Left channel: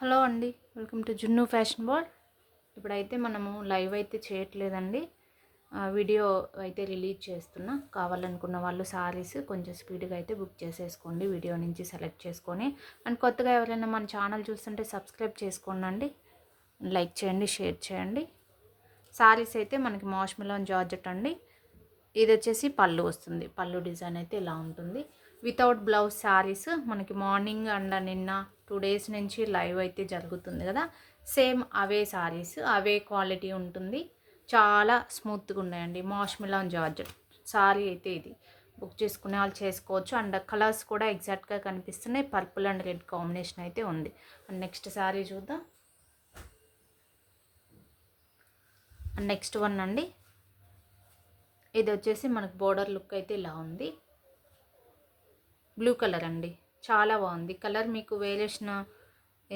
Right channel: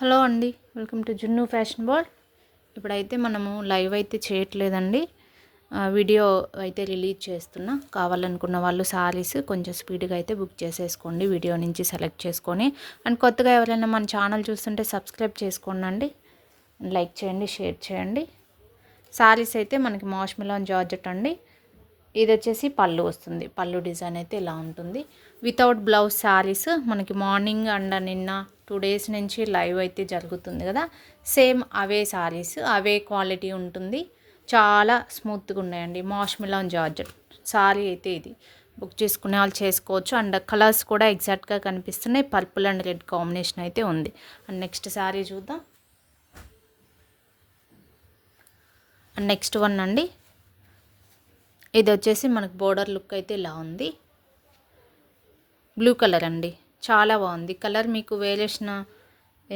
Hello అండి, welcome to జున్ను fashion world. ఇప్పుడైతే మనము లైవ్ అయితే చేయట్లేదండి. వీడియో అయితే రిలీజ్ చేస్తున్నా. కావాలనుకున్న వాళ్ళు సారీస్ కొంచెం స్పీడ్గా అయితే బుక్ చేసేసుకోండి, వీడియో నుంచి సెలెక్ట్ చేసుకొని. అండ్ కొత్తగా ఎవరైనా మన ఛానల్ చూస్తుంటే సబ్స్క్రైబ్ చేసుకోండి, లైక్ చేయండి, షేర్ చేయండి. సారీస్ అయితే మనకి మాష్మెలాన్ జార్జెట్ అండి. ఇది వచ్చేసి పళ్ళు వస్తుంది. పళ్ళు డిజైన్ అయితే ఇలా ఉంటుంది. వితౌట్ బ్లౌజ్ శారీస్ మనకి మార్నింగ్ అండ్ నిన్న 2 డేస్ నుంచి లైవ్ అయితే జరుగుతుంది కదా, సేమ్ అవే శారీస్, అవే క్వాలిటీ ఉంటుంది. చాలా స్మూత్గా ఉన్నాయండి. మాష్మెలాన్ జార్జెట్ శారీ అయితే ఇది బుక్ చేసుకునే వాళ్ళు చేసుకోవచ్చు. అండ్ కలర్స్ కూడా ఎగ్జాక్ట్గా కనిపిస్తున్నాయి. పర్పుల్ అండ్ రెడ్ కాంబినేషన్ అయితే ఉంది. అండ్ నెక్స్ట్ శారీ చూద్దాం. అండ్ నెక్స్ట్ వన్ అండి, ఇది వచ్చేసి మనకు బోర్డర్ లుక్ అయితే ఇలా ఉంది. బ్లూ కలర్ అండి, చాలా బాగుంది కలర్. మీకు వేరియేషన్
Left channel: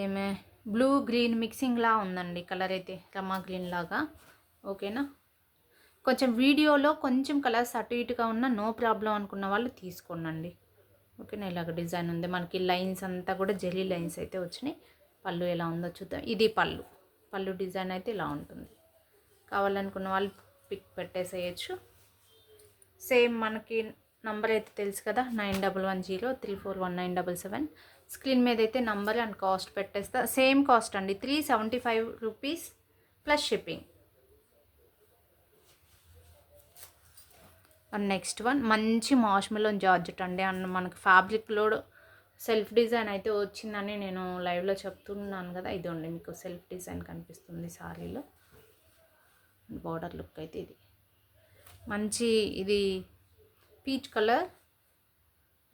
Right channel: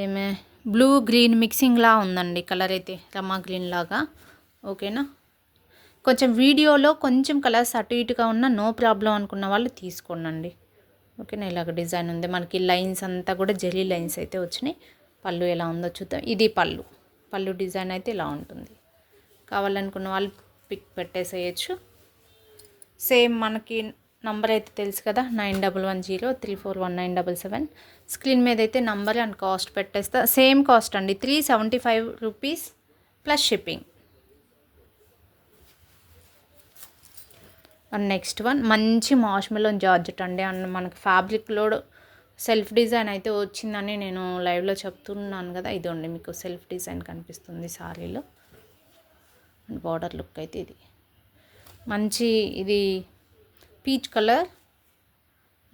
ఏమే బ్లూ గ్రీన్ మిక్సింగ్లా ఉందండి కలర్ అయితే, రమా గ్రీన్ లాగా. ఓకేనా, కొంచెం వీడియోలో కొంచెం కలర్స్ అటు ఇటుగా ఉన్న నో ప్రాబ్లం అనుకున్న వాళ్ళు తీసుకోండి. ఓకేనా, ఇలాగ డిజైన్ ఉంది. మనకి లైన్స్ అంతా కూడా జెరీ లైన్స్ అయితే వచ్చినాయి. పళ్ళు ఎలా ఉందో చూద్దాం. ఇది పళ్ళు. పళ్ళు డిజైన్ అయితే ఇలా ఉంటుంది. కావాలనుకున్న వాళ్ళు పిక్ పెట్టేసేయచ్చు. సేమ్ మనకి నంబర్ అయితే తెలుసు కదా, 9110341977. స్క్రీన్ మీద అయితే నంబర్ అండ్ కాస్ట్ పెట్టేస్తా. సేమ్ కాస్ట్ అండి, 375 rupees plus shipping. And next one మంచి మాష్మెలోన్ జార్జెట్ అండి. అండ్ మనకి ఫ్యాబ్రిక్లో సెల్ఫ్ డిజైన్ అయితే వచ్చిందని నేను లైవ్లో చెప్తున్నాను కదా, ఇదండి మీకు సెల్ఫ్ డిజైన్ కనిపిస్తుంది శారీలో. అండ్ బార్డర్ లుక్ అయితే ఇది మంచి, ఇది పీచ్ కలర్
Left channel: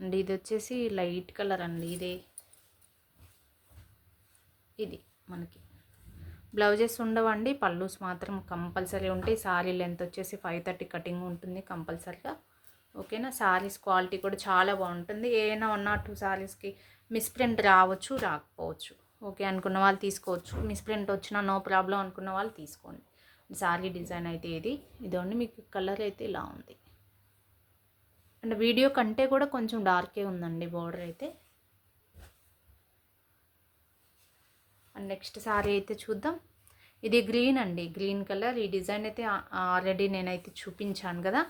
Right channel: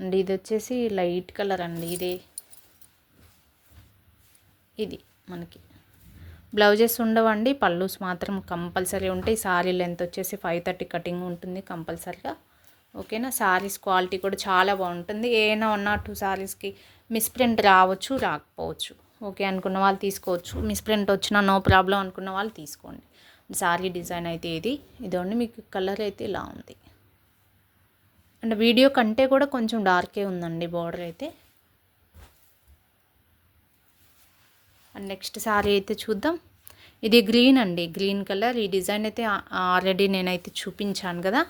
అండ్ ఇది వచ్చేసి లైట్ కలర్ అండి. ఇది మనకి బ్లౌజెస్ ఉండవండి, పళ్ళుస్ మాత్రం కంపల్సరీ ఉంటాయి. శారీ లెంత్ వచ్చేసి 530 కటింగ్ ఉంటుంది కంపల్సరీగా. ఓకేనా, శారీస్ క్వాలిటీ కూడా చాలా బాగుంటుంది. ఏమైనా 1 or 2 శారీస్కి మిస్ప్రింట్ రావచ్చు, రాకపోవచ్చు. ఓకే అనుకున్న వాళ్ళు తీసుకోవచ్చు. మిస్ప్రింట్ వచ్చినా నో ప్రాబ్లం అనుకున్న వాళ్ళు తీసుకోండి. శారీ డిజైన్ అయితే ఇదండి. మీకు కలర్ అయితే ఇలా ఉంది. అండ్ వీడియో కంటే కూడా కొంచెం డార్కే ఉందండి బార్డర్ అయితే. అండ్ నెక్స్ట్ శారీ అయితే చూద్దాం. ఇది గ్రీన్ అండి, గ్రీన్ కలర్. ఈ డిజైన్ అయితే ఆల్రెడీ నేనైతే చూపించాను కదా.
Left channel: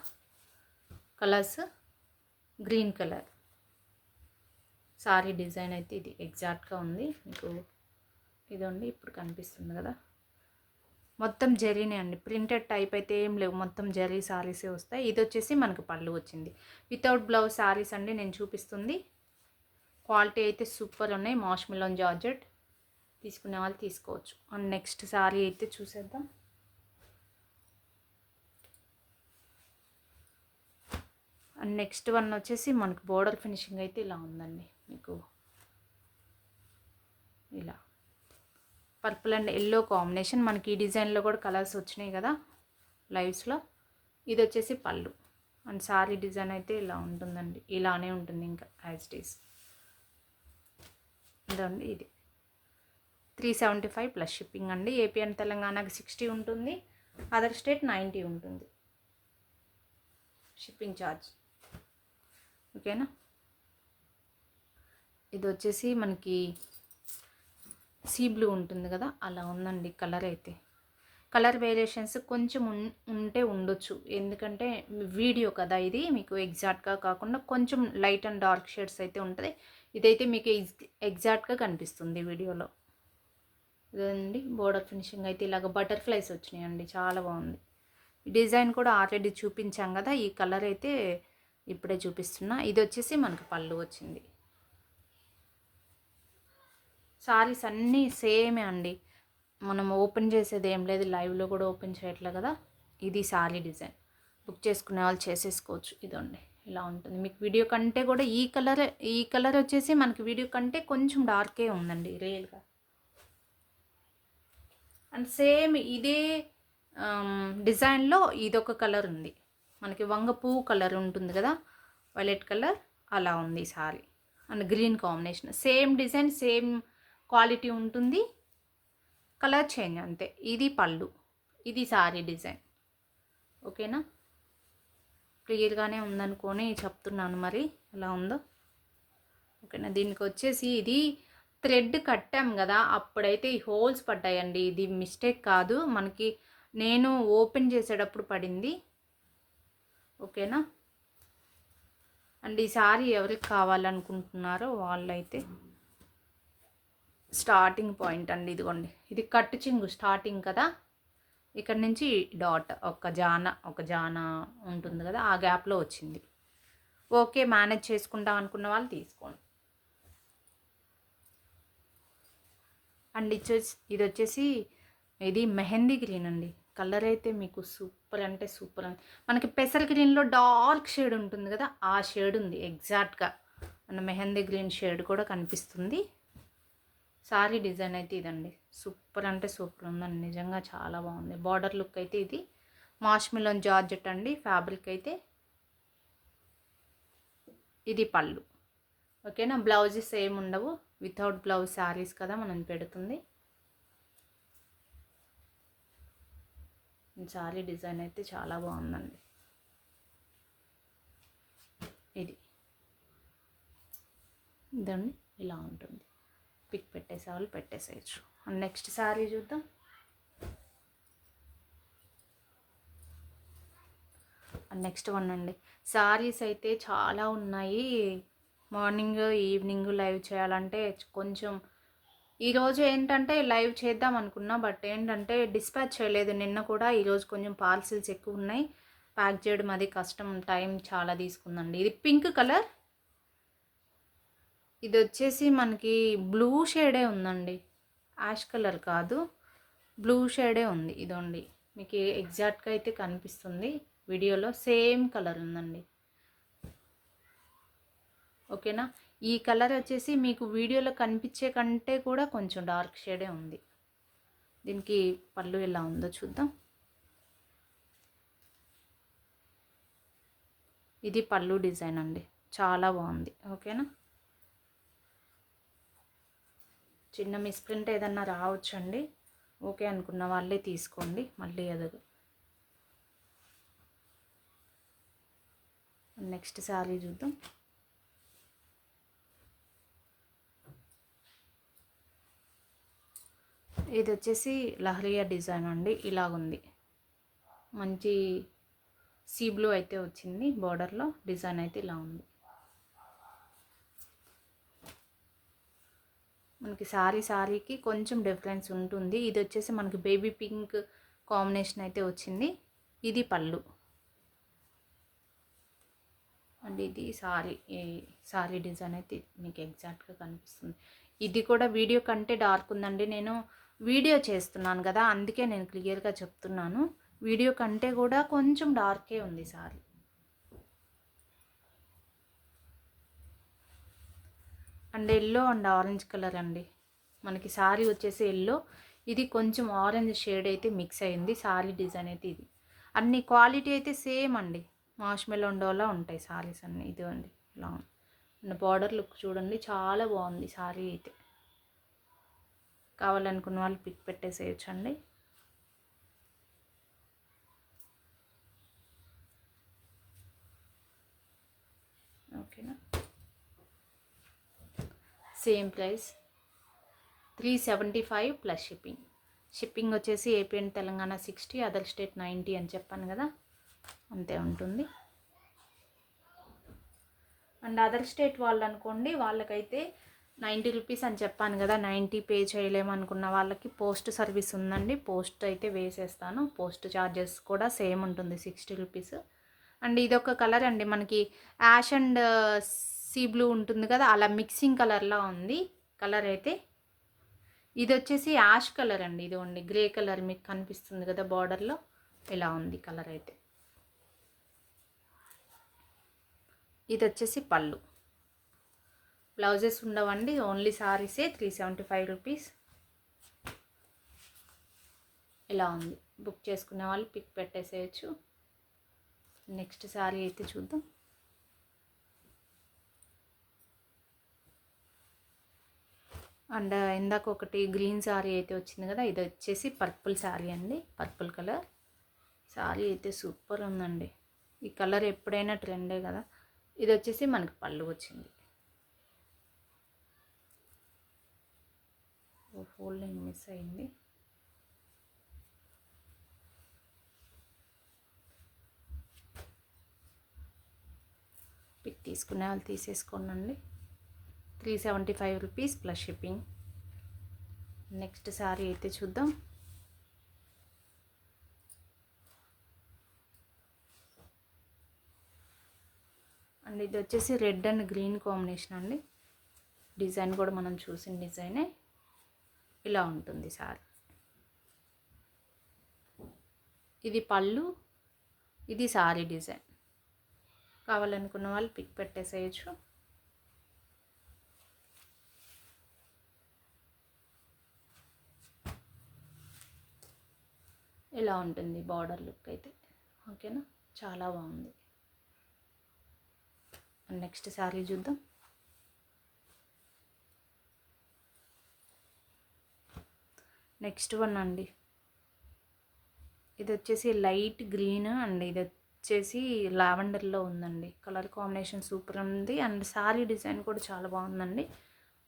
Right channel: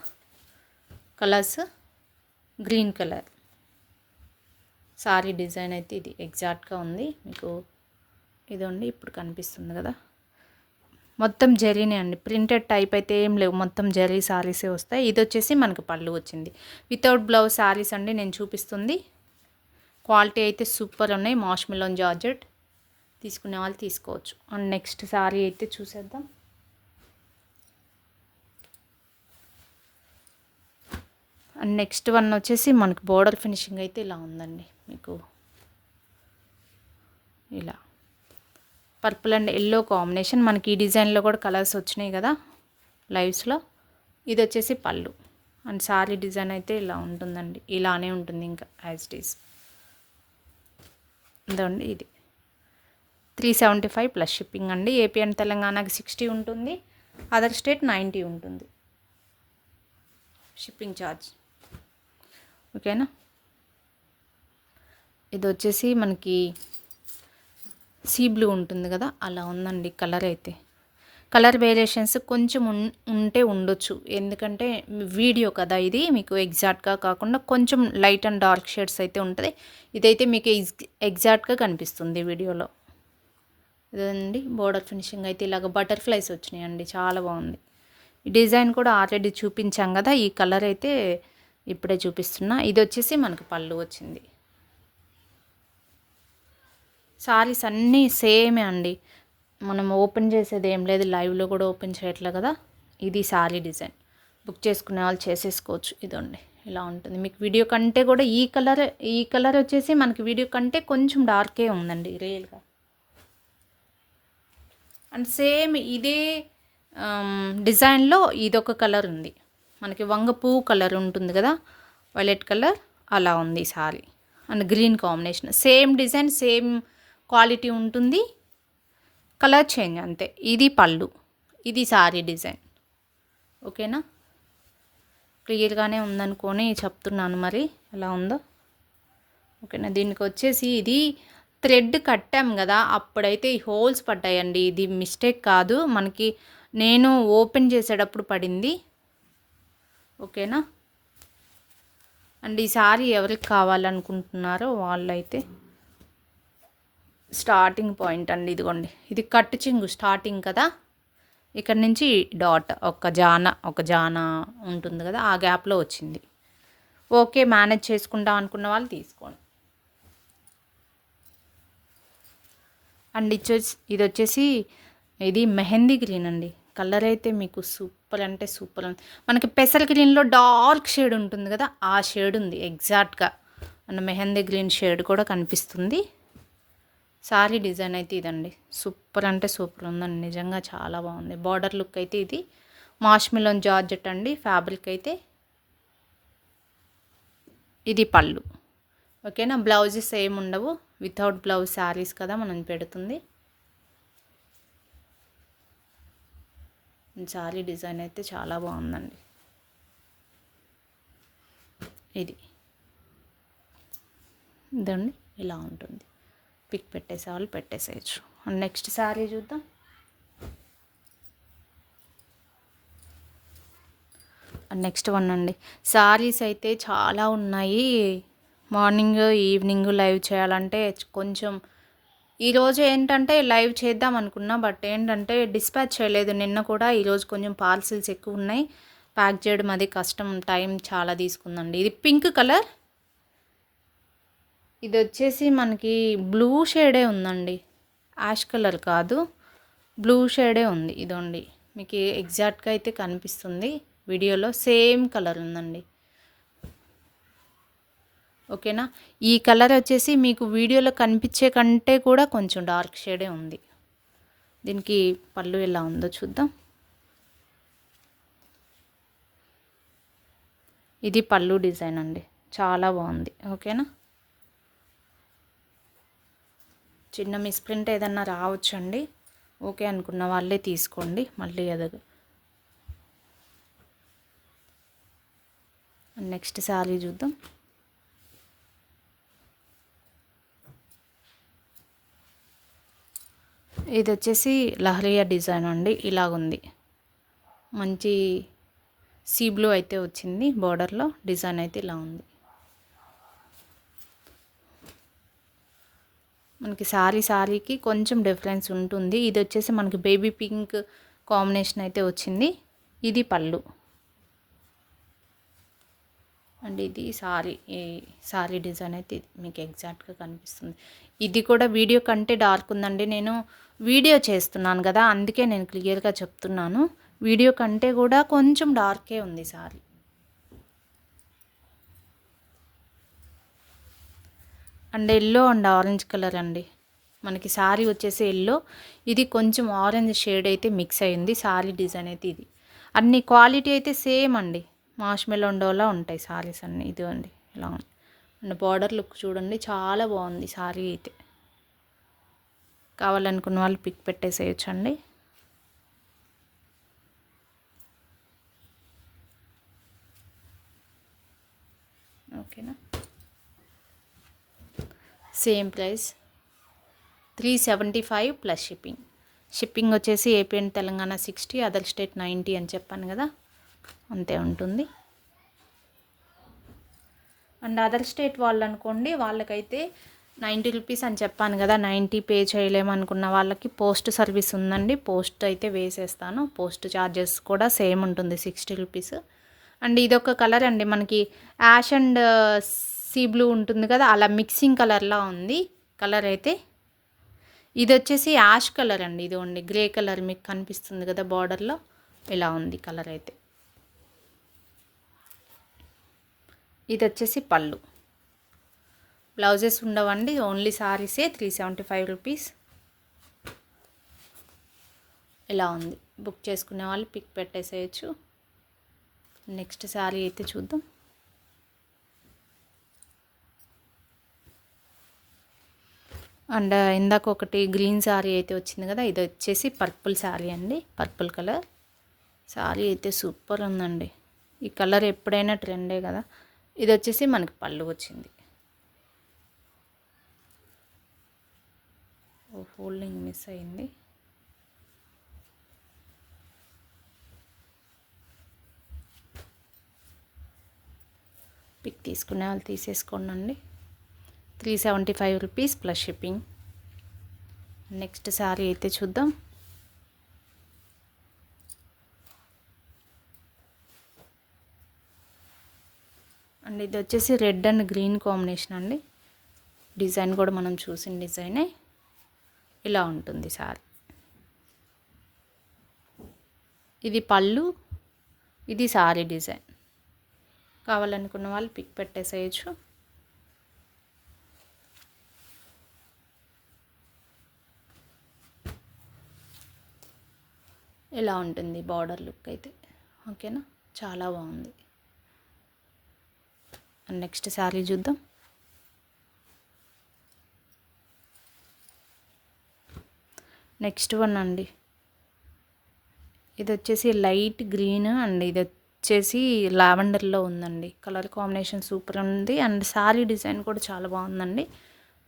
Colours green colour sari design అయితే ఇది ఎగ్జాక్ట్గా ఉంది మీకు. ఇదండి ఇప్పుడు కనిపిస్తుంది కదా, మొత్తం జరీనే అండి. ప్రింటెడ్ టైప్ అయితే ఏం లేవు, మొత్తం జరీ శారీసే వస్తాయి. ఇది వచ్చేసి మనకు పళ్ళు వచ్చింది. వితౌట్ బ్లౌజ్ శారీస్ అండి నేను చూపిస్తుంది. క్వాలిటీ అయితే సూపర్ ఉన్నాయి. మాష్మెలోన్ జార్జెట్ తీసుకునే వాళ్ళు తీసుకోవచ్చు. అండ్ నెక్స్ట్ శారీ అయితే చూసేద్దాం. అండ్ నెక్స్ట్ వన్ వచ్చేసి మనకు బోర్డర్ ఫినిషింగ్ అయితే ఇలా ఉందండి. మీకు ఇలా పర్పుల్ అండ్ ఎల్లో కాంబినేషన్. మనకి ఈ డిజైన్లో కూడా కలర్స్ వచ్చినాయి కదా లైవ్స్లో. ఇది వచ్చేసి పళ్ళు. అండ్ శారీ డిజైన్ అయితే ఇలా ఉంటుందండి, ఇలానే ఉంటుంది ఇంకా యాజ్ ఇట్ ఈస్. ఇదండి ఇది 375 ప్లస్ షిప్పింగ్ అండి. ఏపీ అండ్ తెలంగాణకి 60 ఉంటుంది, అదర్ స్టేట్ 90 ఉంటుంది షిప్పింగ్ ఛార్జ్. ఓకేనా, ఇది వచ్చేసి మనకి సీ బ్లూ ఉంటుంది కదా, అలా ఉందండి కలర్ అయితే. కలర్ వేరియేషన్స్ కొంచెం ఉంటే ఉండొచ్చు, ఎందుకంటే వీడియో కదా ఇది, మీకు ఎగ్జాక్ట్గా కాకుండా కొంచెం లైట్ అండ్ డార్క్ షేడ్స్ అయితే ఉంటుంది. ఇదైతే మీకు ఎగ్జాక్ట్గా కనిపిస్తుంది వీడియోలో. ఇదండి బోర్డర్ ఫినిషింగ్ అయితే ఇలాగ బటర్ఫ్లైస్ వచ్చినాయండి, చాలా బాగుంది. ఈ డిజైన్ కూడా ఆల్రెడీ చూపించాం కదా, ఈ కలర్ అయితే ఇప్పుడే చూపిస్తున్నా. ఇది వచ్చేసి మనకి పళ్ళు వచ్చింది. సారీస్ అన్నీ సేమే అండి, మనం ఓపెన్ చేసేది ఏం లేదు, లైవ్లో కూడా ఓపెన్ చేయట్లే కదా. ఇది సారీ డిజైన్, బుక్ చేసుకునే వాళ్ళు చేసేసుకోవచ్చు. ఇదండి ఇలా ఉంటుంది. మీకు వీడియో కంటే కూడా ఈ కలర్ వచ్చేసి మనకి వీడియో కంటే కొంచెం డార్కే ఉందండి రియల్గా. అండ్ సేమ్ ఇదే డిజైన్లో ఇదొక కలర్ ఉంది మనకి, వంగ పువ్వు కలర్ ఉంటుంది కదా, వైలెట్ కలర్, అలా ఉంది sorry. And green combination, same design same quality ఉంటుంది, కలర్ చేంజ్ అంతే. ఇది పళ్ళు, ఇది సారీ డిజైన్. ఓకేనా, క్లియర్గానే ఉందనుకొని చెప్తున్నాను, మరి ఎలా ఉందో. ఓకేనా, దీనికి వచ్చేసి ఇది థ్రెడ్ కట్టాం కదా, అప్పుడైతే ఈ హోల్స్ పడ్డాయండి. ఇది మిస్టేక్ కాదు, మనకి నేను ఓపెన్ చేసేటప్పుడు పడింది. ఓకేనా. అండ్ ఈ సారీ ఎవరికి కావాలనుకుంటున్నారో వాళ్ళైతే స్టార్టింగ్ పాయింట్ అండి, ఇదిగోండి. ఇది కట్టు చింగు స్టార్టింగ్ కదా, ఇక్కడ నుంచి డాట్ ఒక జాన ఉంటుంది కదా, ఆ గ్యాప్లో వచ్చింది. ఓకే, మేనేజ్ చేసుకుంటాం అనుకున్న వాళ్ళు తీసుకోండి. అండ్ ఇది వచ్చేసి ఇది మెహందీ గ్రీన్ అండి. కలర్ అయితే మీకు సూపర్ అంటే సూపర్. మనకి పెసర్ గ్రీన్లో డార్క్ షేడ్ ఉంటుంది కదా, ఆ షేడ్ ఉంది ఎగ్జాక్ట్గా. అండ్ మెహందీ గ్రీన్ షేడ్ కూడా కనిపిస్తుంది. సారీ డిజైన్ అయితే ఇదండి, సూపర్ అంటే సూపర్ ఉందండి, నిజంగా చాలా బాగుంది. బార్డర్ లుక్ అయితే ఇది మాష్మిలోన్ జార్జెట్ అండి. ఫ్యాబ్రిక్ అయితే ఇది పళ్ళు. ఓకేనా. బ్లౌజెస్ ఏమి ఉండవు, వితౌట్ బ్లౌజ్ శారీస్ కదా మనం పెడుతుంది. శారీ డిజైన్ అయితే చాలా బాగుందండి. ఇదండి ఇలా ఉంటుంది. పిక్ పెట్టేసే వాళ్ళు పెట్టేసేయచ్చు. నెక్స్ట్ శారీ చూద్దాం. నెక్స్ట్ వన్ అండి. శారీస్ అయితే చాలా ఉన్నాయి. మార్నింగ్ ఈవినింగ్ లైవ్ చేయాలంటే కొంచెం, ఈరోజు ఏంటంటే లైవ్ చేద్దాం అనుకున్నా, బట్ ఏంటంటే డిస్పాచ్ చేయలేదు నిన్న కూడా. ఈరోజు కొంచెం పార్సిల్స్ ఎక్కువ ఉన్నాయి, ప్యాక్ చేయడం అది కష్టం, టైం చాలా తీసుకుందండి. ఇది పింక్ కలర్, ఇది వచ్చేసి మనకి బ్లూ షేడే ఉందండి, యాష్ కలర్ కాదు, బ్లూ షేడే ఉంది. ఇదండి మీకు ఎగ్జాక్ట్గా అయితే కనిపిస్తుంది వీడియోలో, సేమ్ కలర్ ఉందండి. ఓకేనా. ఈ కలర్ వచ్చేసి మీకు వీడియోలో కనిపించే కంటే కూడా కొంచెం డార్క్ షేడే ఉంది. దీనికి పళ్ళు ఎలా ఉందో చూద్దాం. ఇది పళ్ళు డిజైన్ అండి, చాలా బాగుంది. ఓకేనా. చిన్న మిస్ప్రింట్ ఏదన్నా రావచ్చండి, ఓకే అనుకున్న వాళ్ళే తీసుకోండి, మళ్ళీ ఎదగు. నెక్స్ట్ శారీ చూద్దాం. ఇది వచ్చేసి లహరియా డిజైన్ అండి, ఇలాగుంది. మంచి సీ బ్లూ అయితే వచ్చింది బార్డర్లో, డిజైన్ అయితే ఇలా ఉంది. మనకి శారీకి కొంచెం డిఫరెన్స్ ఉంటుంది. ఇది వచ్చేసి మనకి బేబీ పింక్ కాంబినేషన్ అయితే వచ్చింది. ఇది పళ్ళు అండ్ ఇది సారీ డిజైన్ అయితే మీకు ఎగ్జాక్ట్గా కనిపిస్తుంది. ఇది కూడా వీడియో కంటే డార్క్ ఉందండి. నేను వీడియో చేస్తున్నాను కదా, అందుకే నేను క్లియర్గా చెప్తున్నాను. వీడియో కంటే కూడా కొంచెం డార్కే ఉంది sorry. And yellow and orange colour అండి. మనకి సారీ వచ్చేసి ఎల్లో, ఇది కొంచెం ఆరెంజ్ షేడ్ అయితే మిక్స్ అయింది. సారీ డిజైన్ అయితే ఇది. అన్ని క్వాలిటీ అయితే సేమ్ అండి, మాష్మెలోండోలా ఉంటాయి సారీస్ అన్నీ. ఇది అండి ఇలా ఉంది. అండ్ బార్డర్ లుక్ చూడండి, చాలా బాగుంది సారీ అయితే. కావాలనుకున్న వాళ్ళు పిక్ పెట్టేసేయచ్చండి. ఓకేనా. Same price 375 plus shipping. Shipping వచ్చేసి AP and Telangana 60, other state 90 అని చెప్పాను కదా, అంతే ఉంటుంది. అండ్ అదర్ స్టేట్ వాళ్ళు అనుకోండి, వాళ్ళకైతే 90 రూపీస్ అని చెప్పాను కదా, 90 పే చేయలేమనుకున్న వాళ్ళకి పోస్ట్ సర్వీస్ ఉందండి. పోస్ట్ అయితే వేసేస్తాను, పోస్ట్ ఛార్జెస్ కూడా సేమ్ ఉంటుంది 60 రూపీస్. అండ్ ఇదొక కలర్ అండి, మనకి యాష్ అండ్ సీ బ్లూ ఉంటుంది కదా, అలా మిక్సింగ్ కలర్లా ఉంది కలర్ అయితే. ఇది వచ్చేసి యాష్ కలర్ అండి, ఇది ఉంది గ్రే కలర్ మీకు కనిపిస్తుంది కదా బార్డర్లో, ఇలా ఉంది కలర్ అయితే. ఇది వచ్చేసి పళ్ళు. బ్లౌజెస్ ఉండవండి, ఓన్లీ సారీసే. 375 రూపీస్. ఇలా ఉంది. బుక్ చేసుకునే వాళ్ళు పిక్ పెట్టేసేయచ్చు. నెక్స్ట్ శారీ అయితే చూద్దాం. అండ్ ఇందాక ఒకటి గ్రీన్ శారీ అయితే వచ్చింది కదా, ఇది వచ్చేసి పర్పుల్ శారీ అండి, పర్పుల్ కలర్ శారీ అయితే సూపర్ ఉందండి. ఈ కలర్ ఎప్పుడైనా ట్రెండే కదా. ఇది వచ్చేసి మనకి పళ్ళు వచ్చింది. ఫోల్డింగ్ మిస్ అయింది. పిక్ తీసుకునే వాళ్ళు తీసేసుకోండి. 375 rupees plus shipping. Next sari అయితే చూద్దాం. అండ్ ఇది వచ్చేసి రెడ్ అండ్ గ్రీన్ కాంబినేషన్ అండి. డిజైన్ కూడా మనం చూసిన డిజైనే. ఇలా ఉంటుంది శారీ. ఇది పళ్ళు, ఇది శారీ డిజైన్. కావాలనుకున్న వాళ్ళు పిక్ పెట్టేసేయచ్చు. ఇలా ఉంటుంది బార్డర్ లుక్ అయితే. ఓకేనా, చాలా బాగుంది. నెక్స్ట్ శారీ చూద్దాం. నెక్స్ట్ వన్ అండి. ఇది వచ్చేసి లైట్ గ్రీన్ అండ్ ఇది వచ్చేసి లావెండర్లో ఉందండి. కలర్ కాంబినేషన్ సూపర్ ఉంది. అండ్ శారీ డిజైన్ కూడా చాలా బాగుందండి.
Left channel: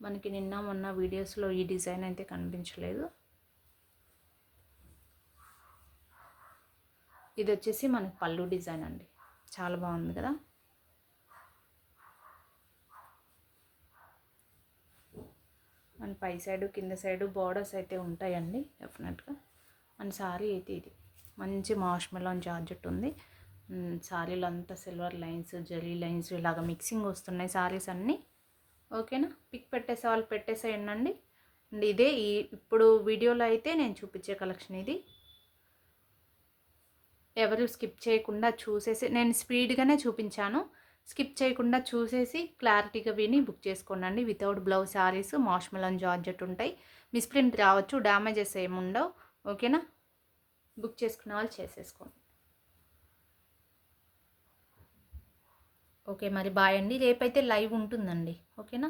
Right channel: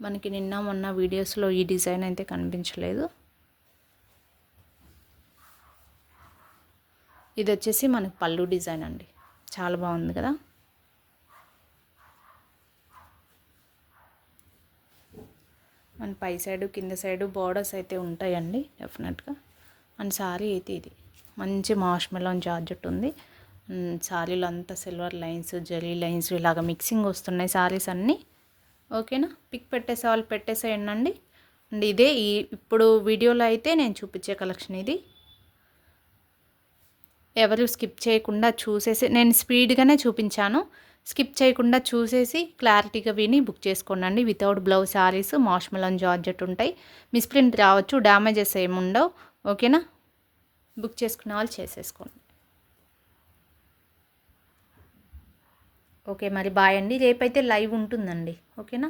మనకి నిన్న మొన్న వీడియోస్లో ఈ డిజైన్ అయితే కనిపించలేదు. ఇది వచ్చేసి మనకి పళ్ళు డిజైన్ అండి. చాలా బాగుంది కదా. అండ్ పై సైడు కింద సైడు బార్డర్స్ అయితే ఉంటాయండి డెఫినెట్గా. అండ్ శారీ అయితే ఇది మంచి మాష్ మెలోన్ జార్జెట్ ఉంది. శారీలో అంతా సిల్వర్ లైన్స్, జరీ లైన్స్ ఇలాగ మిక్సింగ్ వస్తున్నాయి శారీస్ అన్నీ. ఓకేనా, పిక్ పెట్టేసే వాళ్ళు పెట్టేసేయండి. అండ్ ఇదే ఇప్పుడు వీడియోలో అయితే నేను చూపించే కలెక్షన్ ఇది. ఎవరు స్కిప్ చేయకుండా చూసేసి, నేను స్పీడ్గానే చూపించాను, స్కిప్ చేయకుండా చూసేసి క్లారిటీగా విని బుక్ చేసుకోండి. వితౌట్ బ్లౌజ్ శారీస్ మాష్ మెలోన్ జార్జెట్ ఉంటాయి. మిస్ప్రింట్ రావచ్చు, డ్యామేజెస్ ఏముండవు. ఓకేనా, బుక్ చేసుకునే వాళ్ళు చేసేసుకోండి. ఓకే మరి బాయ్ అండి. రేపైతే లైవ్ ఉంటుందండి. ఓకేనా.